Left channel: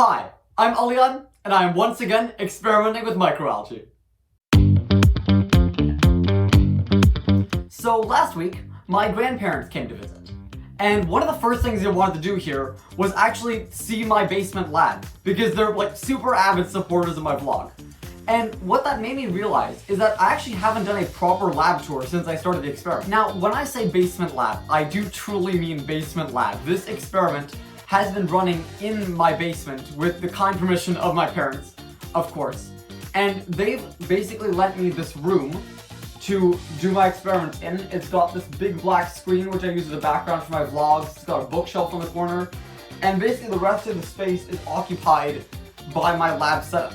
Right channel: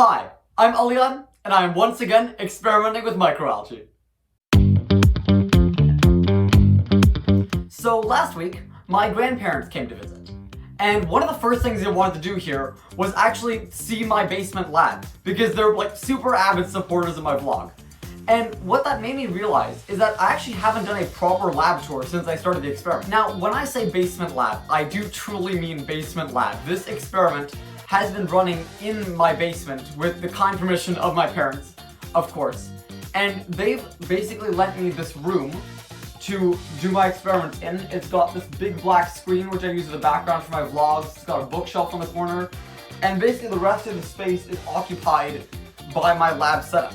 Hi, I'm Alian, and I am once again experimenting with microalgae. So last week, my grandparents came to visit, and one of the first things they wanted to do here was actually see my basement lab, because they're like super avid supporters of my vlog. And what that made me realize is that I actually haven't done a proper lab tour since I started the experiment. Now, when I say basement lab, I do truly mean basement lab. This experiment has been running in my basement with the kind permission of my parents, of course. And they've basically lent me this room to do my experiment in. It's got this big black screen, which I use as a background for my vlogs. It's got a bookshelf on the corner. And basically the rest of the space is occupied by my lab setup.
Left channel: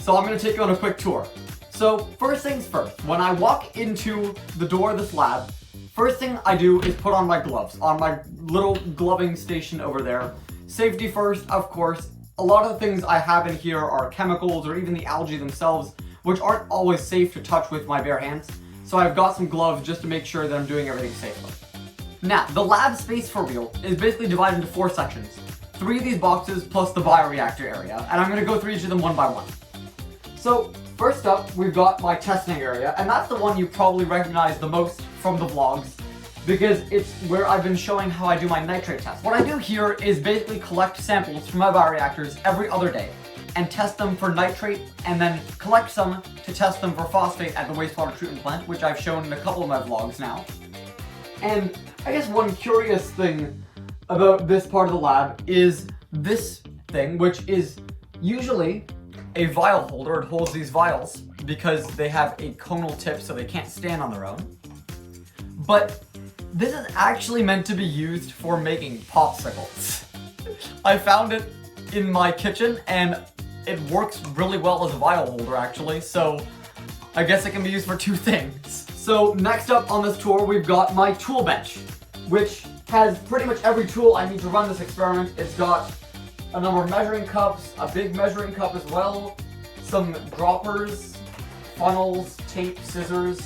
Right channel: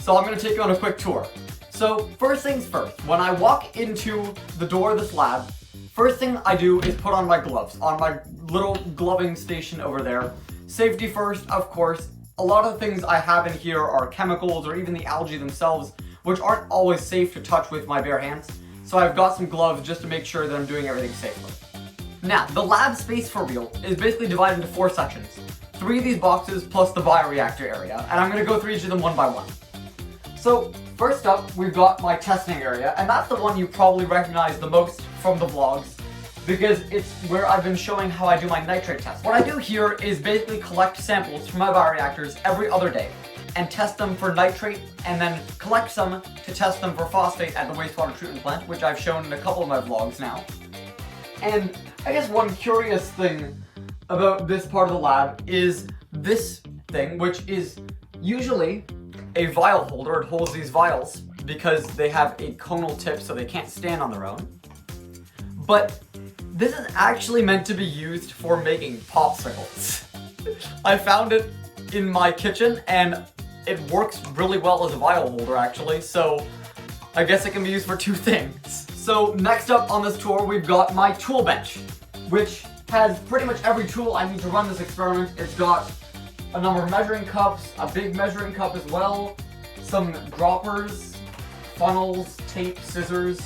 So I'm gonna take you on a quick tour. So first things first, when I walk into the door of this lab, first thing I do is put on my gloves on my little gloving station over there. Safety first, of course. A lot of the things I have in here are chemicals or even the algae themselves, which aren't always safe to touch with my bare hands. So I've got some gloves just to make sure that I'm doing everything safely. Now, the lab space for real is basically divided into 4 sections. 3 of these boxes plus the bioreactor area, and I'm gonna go through each of them one by one. So first up, we've got my testing area, and that's the one you probably recognize the most from the vlogs because it's where I've been showing how I do my nitrate test. What I do here is basically collect samples from my bioreactors every other day and test them for nitrate and then collect some to test them for phosphate at the wastewater treatment plant, which I've shown in a couple of my vlogs now. And I guess one curious thing about this part of the lab is this thing, which is usually a vial holder. It holds these vials because they have a conal tip so they can't stand on their own. But this is actually meant to be used for making popsicles. I found it in my kitchen and it works really well as a vial holder actually, so I guess it can be used for 2 things. So next up on this tour we've got my tool bench, which has pretty much every tool I need to run this experiment. It's got a number of measuring cups, a big measuring cup as well, some droppers, funnels, tape, scissors,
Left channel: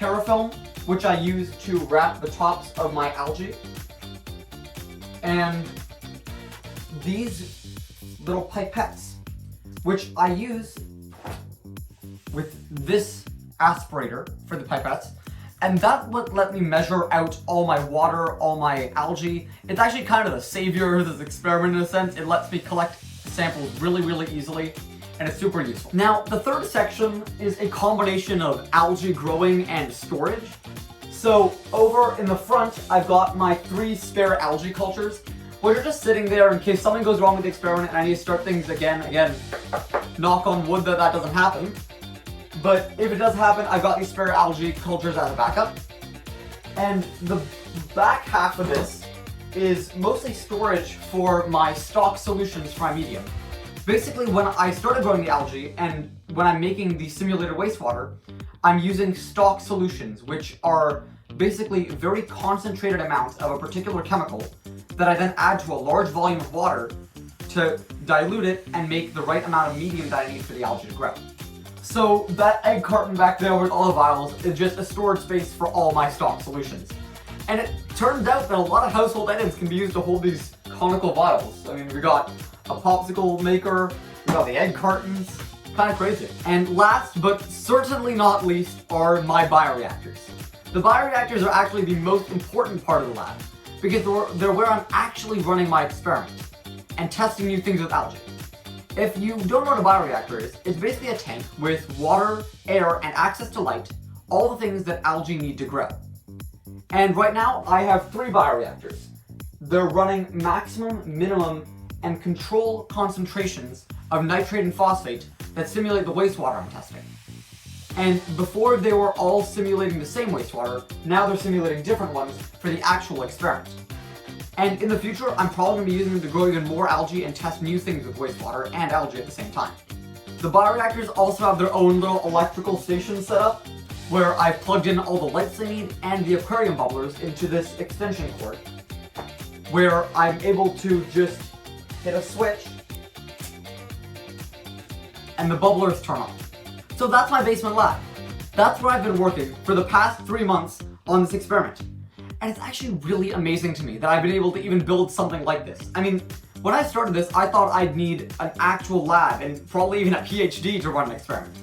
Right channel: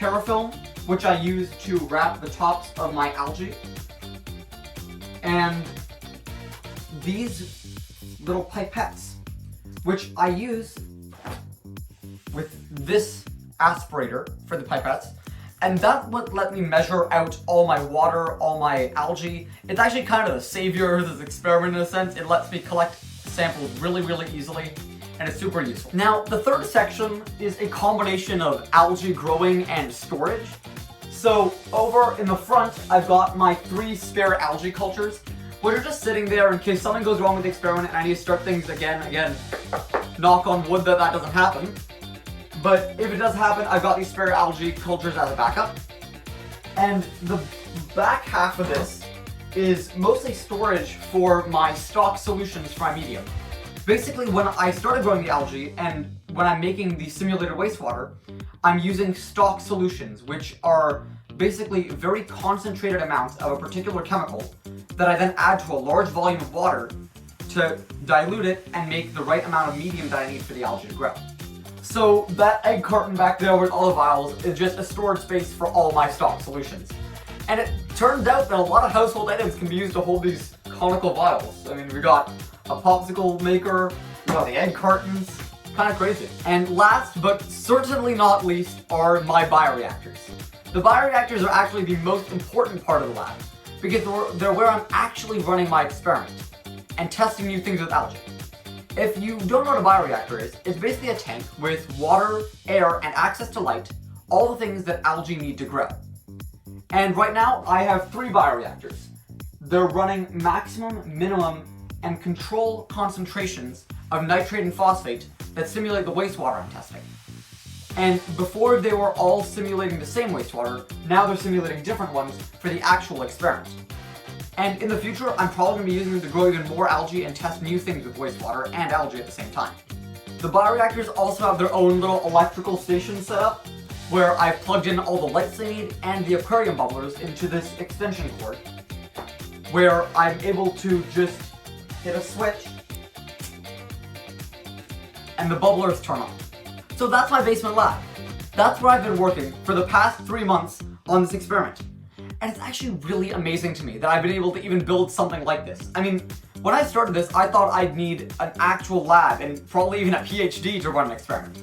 parafilm, which I use to wrap the tops of my algae, and these little pipettes, which I use with this aspirator for the pipettes. And that would let me measure out all my water, all my algae. It's actually kind of the savior of this experiment in a sense. It lets me collect samples really, really easily, and it's super useful. Now, the third section is a combination of algae growing and storage. So over in the front, I've got my 3 spare algae cultures, which are just sitting there in case something goes wrong with the experiment and I need to start things again, knock on wood that that doesn't happen. But if it does happen, I've got these spare algae cultures as a backup. And the back half of this is mostly storage for my stock solutions for my medium. Basically, when I started growing the algae and when I'm making the simulated wastewater, I'm using stock solutions, which are basically very concentrated amounts of a particular chemical that I then add to a large volume of water to dilute it and make the right amount of medium that I need for the algae to grow. So that egg carton back there with all the vials is just a storage space for all my stock solutions. And it turns out that a lot of household items can be used to hold these conical vials. I mean, we got a popsicle maker, we got the egg cartons, kind of crazy. And last but certainly not least are my bioreactors. The bioreactors are actually the most important part of the lab because they're where I'm actually running my experiment and testing new things with algae. If you don't know what a bioreactor is, it's basically a tank with water, air, and access to light, all the things that algae need to grow. And right now, I have 3 bioreactors. They're running maximum, minimum, and control concentrations of nitrate and phosphate that simulate the wastewater I'm testing. And before they were all simulating the same wastewater, now they're simulating different ones for the actual experiment. And in the future, I'm probably going to be using them to grow even more algae and test new things with wastewater and algae at the same time. The bioreactors also have their own little electrical station set up, where I've plugged in all the lights they need and the aquarium bubblers into this extension cord, where I'm able to just hit a switch and the bubblers turn on. So that's my basement lab. That's where I've been working for the past 3 months on this experiment. And it's actually really amazing to me that I've been able to even build something like this. I mean, When I started this, I thought I'd need an actual lab and probably even a PhD to run an experiment.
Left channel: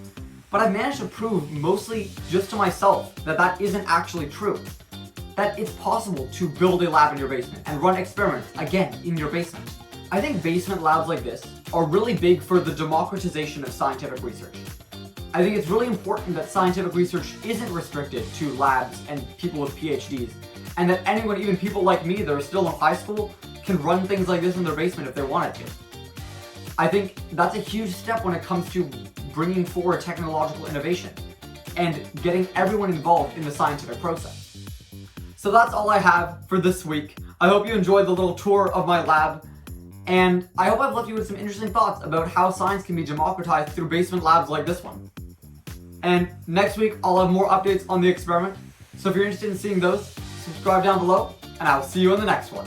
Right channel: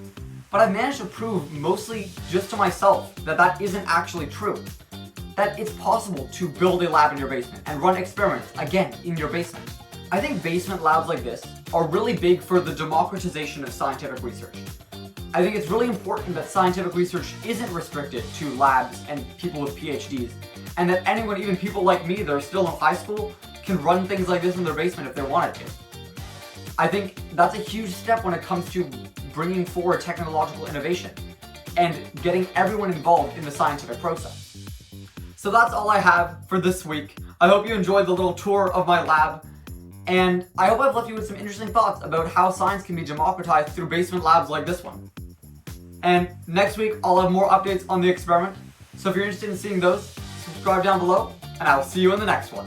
But I've managed to prove, mostly just to myself, that that isn't actually true. That it's possible to build a lab in your basement and run experiments, again, in your basement. I think basement labs like this are really big for the democratization of scientific research. I think it's really important that scientific research isn't restricted to labs and people with PhDs, and that anyone, even people like me that are still in high school, can run things like this in their basement if they wanted to. I think that's a huge step when it comes to bringing forward technological innovation and getting everyone involved in the scientific process. So that's all I have for this week. I hope you enjoyed the little tour of my lab, and I hope I've left you with some interesting thoughts about how science can be democratized through basement labs like this one. And next week, I'll have more updates on the experiment. So if you're interested in seeing those, subscribe down below, and I will see you in the next one.